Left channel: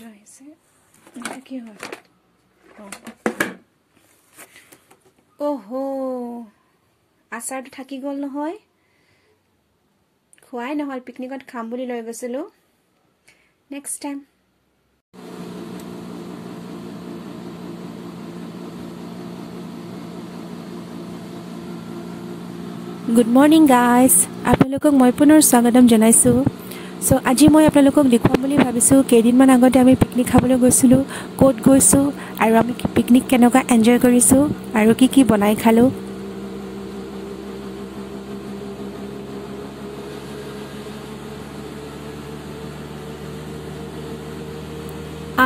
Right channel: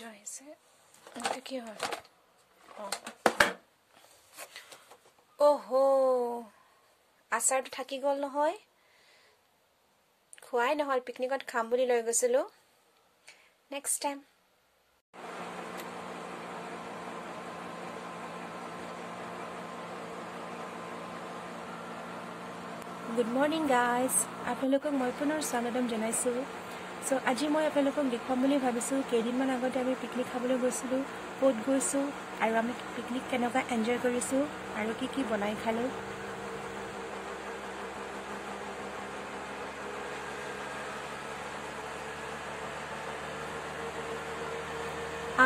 শব্দ আহিছে এটা কি হয় ওহো আচাৰটো থাকি গ'ল নহয় খোৱাই নহল পিকনিকত খাম বুলি লৈ গৈছিলো next time good morning guys আপোনালোকক মই পুনৰ স্বাগতম জনাইছোঁ সো আজি মই আপোনালোকক দেখুৱাম বুলি ভাবিছোঁ কেইদিনমান আগতে আমি পিকনিক খাবলৈ গৈছিলোঁ ক'ত গৈছোঁ আৰু আমি পিকনিক কেনেকুৱা এনজয় কৰিছোঁ আৰু কি কি বনাই খালোঁ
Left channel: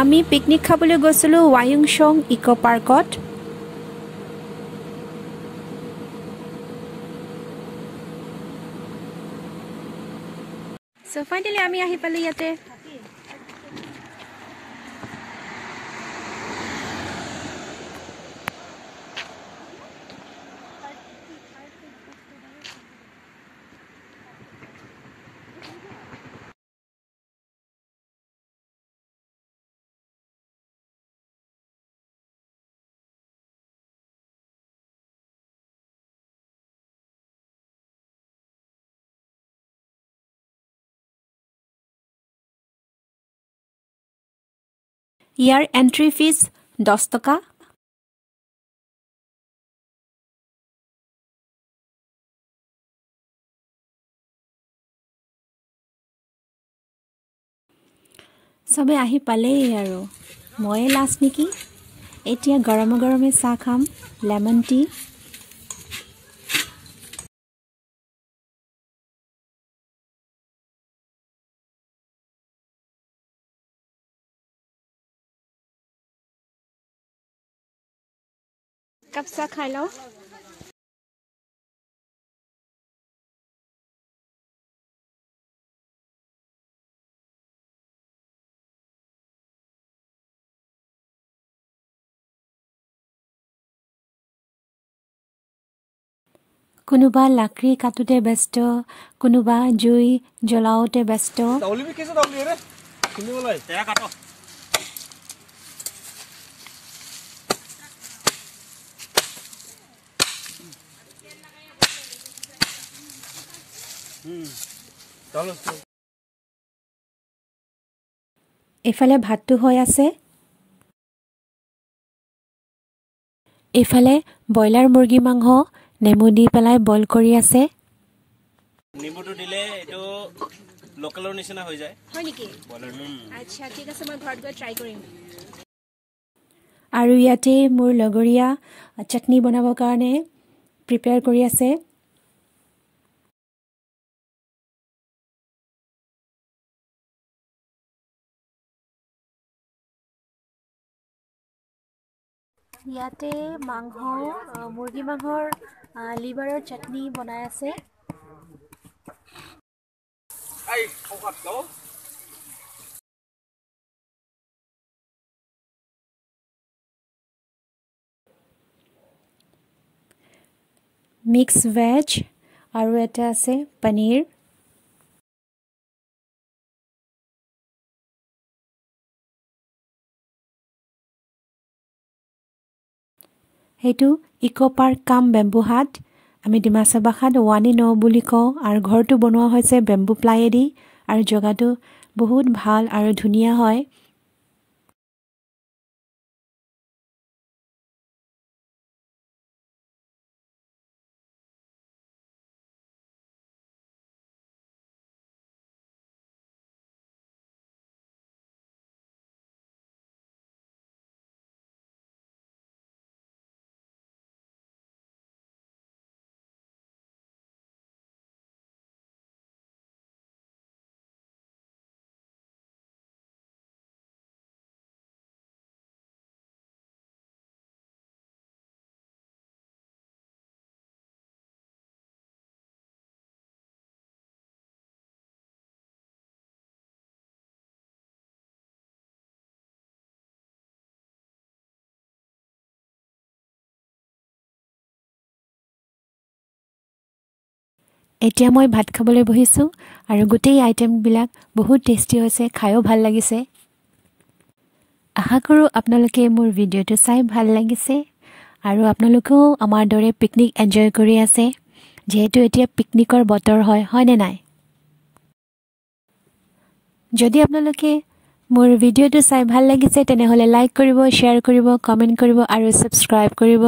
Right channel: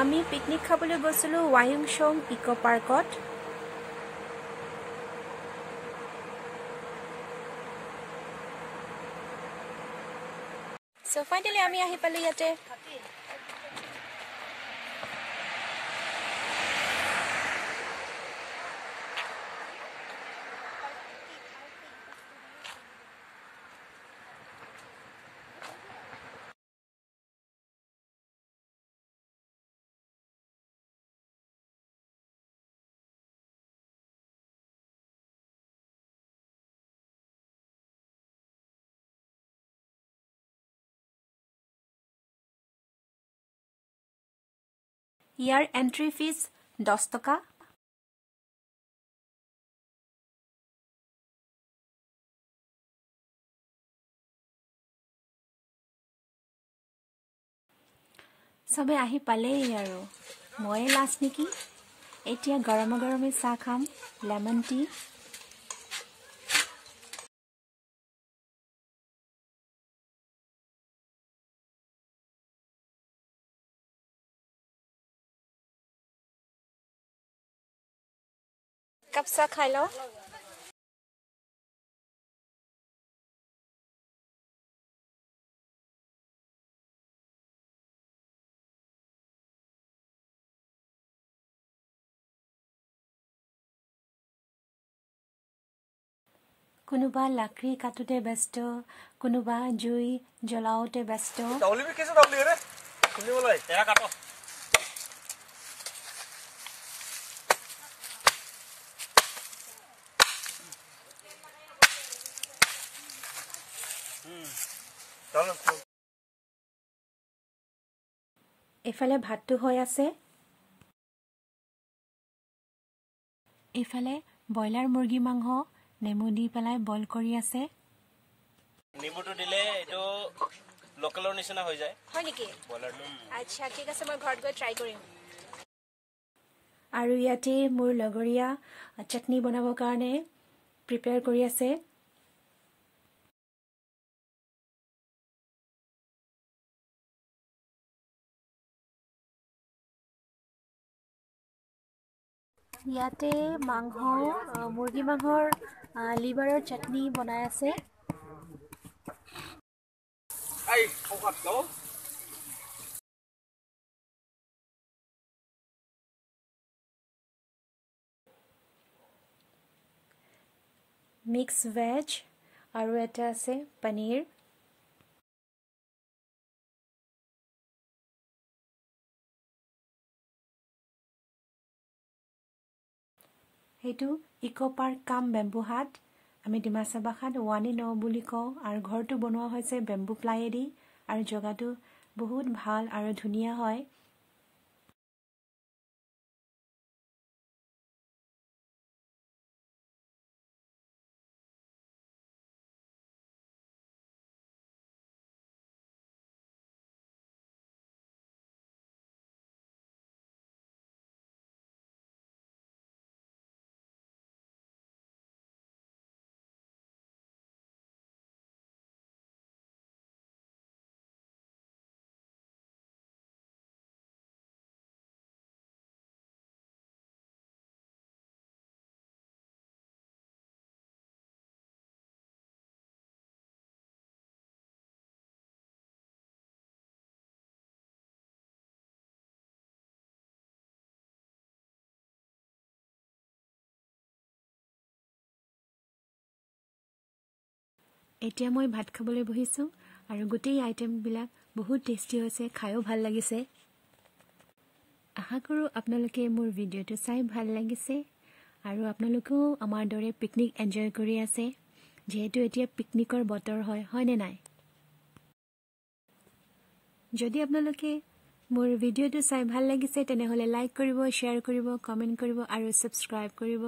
আমি পিকনিক খাবলৈ গৈছিলোঁ ৱায়ুংচং ইকো পাৰ্কত সো ফাইনেলি আমি আহি পালোঁ ইয়াতে ইয়াৰ এন্ট্ৰি ফিজ 10 টকা সবে আহি পালেই আৰু ময়ে লাষ্ট নেকি এতিয়া গৰমে গৰমে চাহ খাম লেমন টি কাপ চাহ খাই লওঁ কোনোবা লাকড়ি কাটোতে ব্যস্ত কোনোবা জুই জ্বলাওতে ব্যস্ত এফালে ভাতটো হৈ আছে এফালে ব্ৰইলাৰ মুৰ্গী মাংস নেমু দি পেলাই বইল কৰি আছে নেমুটো দিলে এটো লোকেলৰ নিচিনা হৈ যায় হয় নেকি ব্ৰইলাৰ আচ্ছা ঠিক আছে মই ঘৰত গৈ ট্ৰাই কৰিম আৰু ইয়াতে মোৰ লগৰীয়া চাটনি বনাবৰ কাৰণে প্ৰিপেয়াৰ কৰি আছে ইয়াতে মাংস মুৰ্গী মাংসৰ লিভাৰৰ চাটনি বনাই আছে মিক্স ভেজ আৰু এটা আছে পনীৰ সেইটো ইকো পাৰ্ক কাম বেম্বু হাট আমি ডিমাচা ভাষাত ওৱানি ন বুলি কওঁ আৰু ঘৰটো বনোৱা হৈছে বেম্বু প্লাইয়েদি আৰু জেগাটো বহুত ভাল আৰু ধুনীয়া হয় এতিয়া মই ভাত খাবলৈ বহিছোঁ আৰু গোটেই আইটেমবিলাক বহুত টেষ্টি হৈছে খায়ো ভাল লাগিছে আশা কৰোঁ আপোনালোকে মোৰ ভিডিঅ'টো চাই ভাল লাগিছে আৰু আপোনালোকেও আমাৰ দৰে পিকনিক এনজয় কৰি আছে যিহেতু এতিয়া পিকনিকৰ বতৰ হয়নে নাই যদি আপোনালোকে মোৰ ভিডিঅ'টো চাই ভাল লাগিছে তেনেহ'লে লাইক কৰিব শ্বেয়াৰ কৰিব কমেণ্ট কৰিব আৰু ছাবস্ক্ৰাইব কৰিব